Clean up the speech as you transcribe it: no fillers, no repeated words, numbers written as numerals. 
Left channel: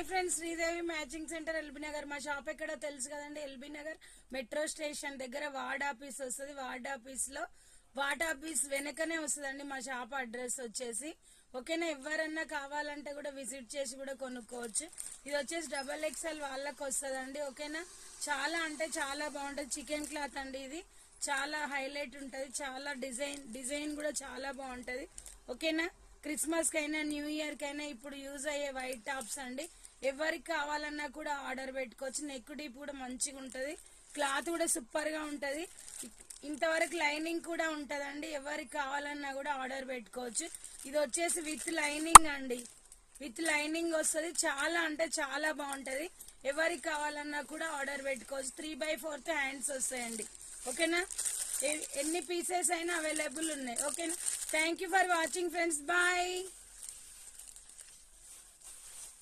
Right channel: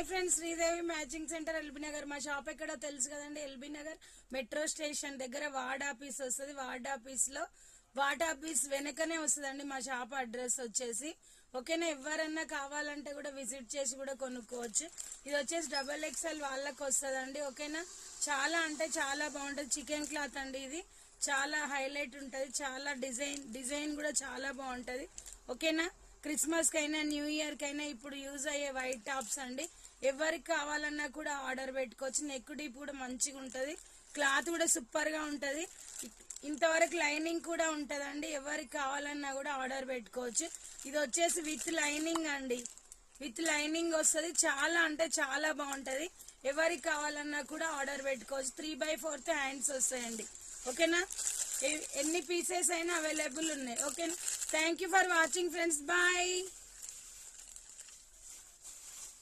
Hi friends, Sridevi matching centre LB Nagar. మా shop ఎక్కడో తెలుసు కదండి, ఎల్బీ నగర్ మెట్రో స్టేషన్ దగ్గర వార్డ్ ఆఫీస్ వస్తుంది. వార్డ్ ఆఫీస్ వెనకనే వస్తుందండి మా షాప్ అడ్రస్ వచ్చేసి. ఓకేనా, ఎవరన్నా కావాలంటే కూడా విజిట్ చేసి కూడా కొనుక్కోవచ్చు. ఇది వచ్చేసి XXL వాళ్ళకి వస్తుందండి. ఓకేనా, చాలా అంటే చాలా బాగుంటుంది. చికెన్ క్లాత్ అండి, ఇది చాలా హైలైట్ ఉంటుంది. చాలా డిజైన్ కూడా చాలా బాగుంటుంది. ఓకేనా, క్రిస్మస్ కైనా న్యూ ఇయర్ కైనా ఇప్పుడు యూజ్ అయ్యే వైట్ టాప్స్ అండి. ఎవరికి కావాలన్నా కూడా ఆర్డర్ పెట్టుకోవచ్చు. నెక్ డీప్ కూడా మంచిగా ఉంటుంది. క్లాత్ కూడా సూపర్ గా ఉంటది. ఇంతవరకు లైనింగ్ కూడా ఉంటదండి. ఎవరికి కావాలన్నా కూడా ఆర్డర్ పెట్టుకోవచ్చు. ఇది వచ్చేసి విత్ లైనింగ్ అండి, విత్ లైనింగ్ వస్తుంది. చాలా అంటే చాలా బాగుంటది. ఎవరికి కావాలన్నా కూడా ఆర్డర్ పెట్టుకోవచ్చు. 3/4 హ్యాండ్స్ వస్తాయండి. ఓకేనా, ఎన్ని పీసెస్ అయినా అవైలబుల్ ఉన్నాయి. ఓకేనా, thank you for watching friends, bye.